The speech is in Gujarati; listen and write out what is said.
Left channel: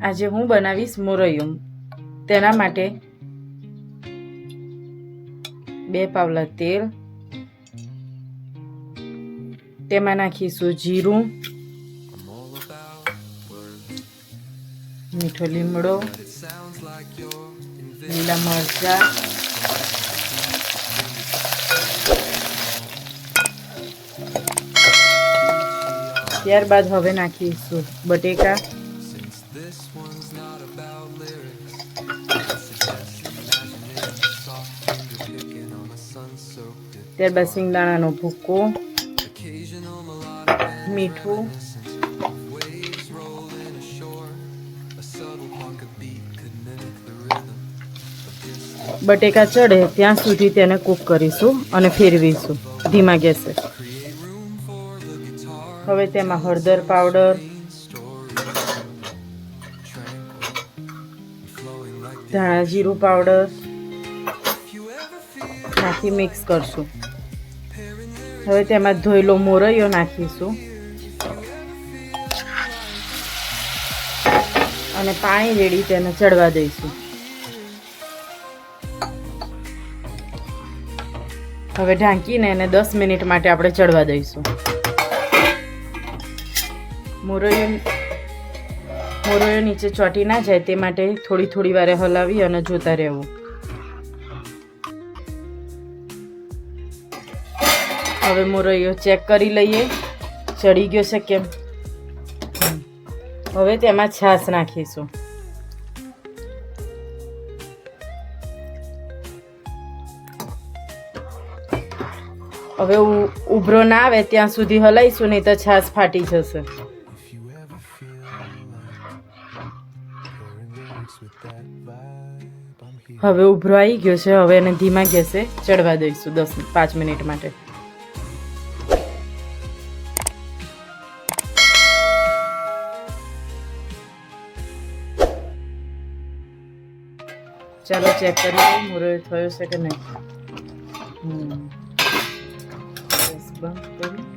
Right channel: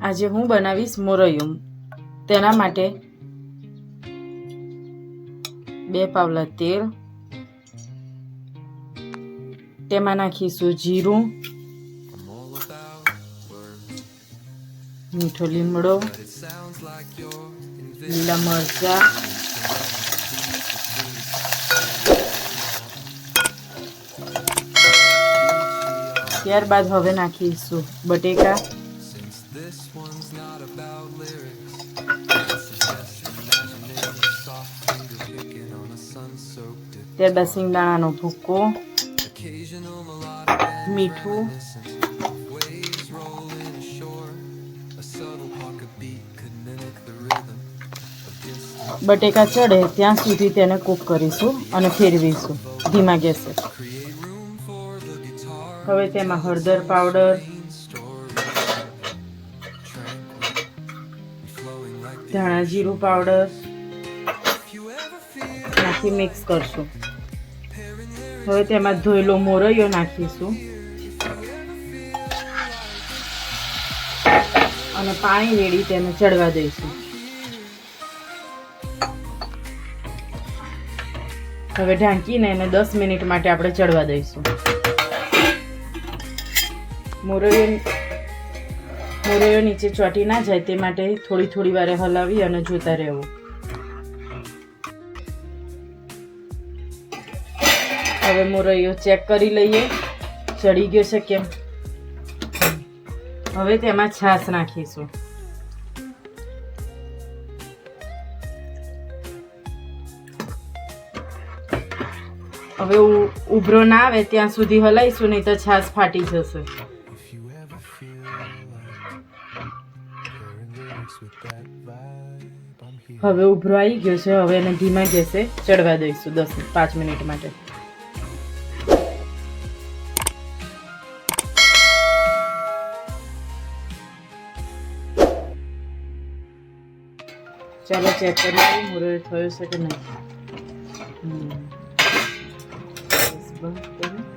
આજે હું બનાવીશ મોરૈયું. તેના માટે બે પાવલા તેલ. તેમાં નાખીશું જીરું. મીઠો લીમડો. લીલા મરચા. ત્યારબાદ હવે નાખીશું બટેકા. ત્યારબાદ સિંગદાણાનો ભૂકો મીઠું બટેકા ચડે ત્યાં સુધી તેને કૂક કરીશું અને ફેરવીશું. ધીમા ગેસે. હવે તેમાં હળદર પાવડર ધાણા જીરું પાવડર નાખી મિક્સ કરશું. હવે તેમાં ધોયેલો મોરૈયો નાખીશું. અને પાણી રેડી તેને ચડવા દઈશું. હવે ઢાંકીને એને દસ મિનિટ માટે આપણે ચડવા દઈશું. મોરૈયો મોરૈયો નીચે ચોંટી ના જાય તે માટે થોડી થોડી વારે હલાવી અને જોતા રહેવું. હવે મોરૈયો ચેક કરી લઈએ. ચડી ગયો છે કેમ? હવે તેમાં છાશ નાખીશું. હવે ઉભરો ના આવે, ત્યાં સુધી હલાવીશું નહીં તો છાશ ફાટી જશે. હવે ઉભરો આવી ગયો છે, હવે એને ધીમા ગેસે ચડવા દઈશું દસ, પાંચ મિનિટ માટે. ચાલો ચેક કરીએ મુરર થયો છે કે નહીં? બંધ.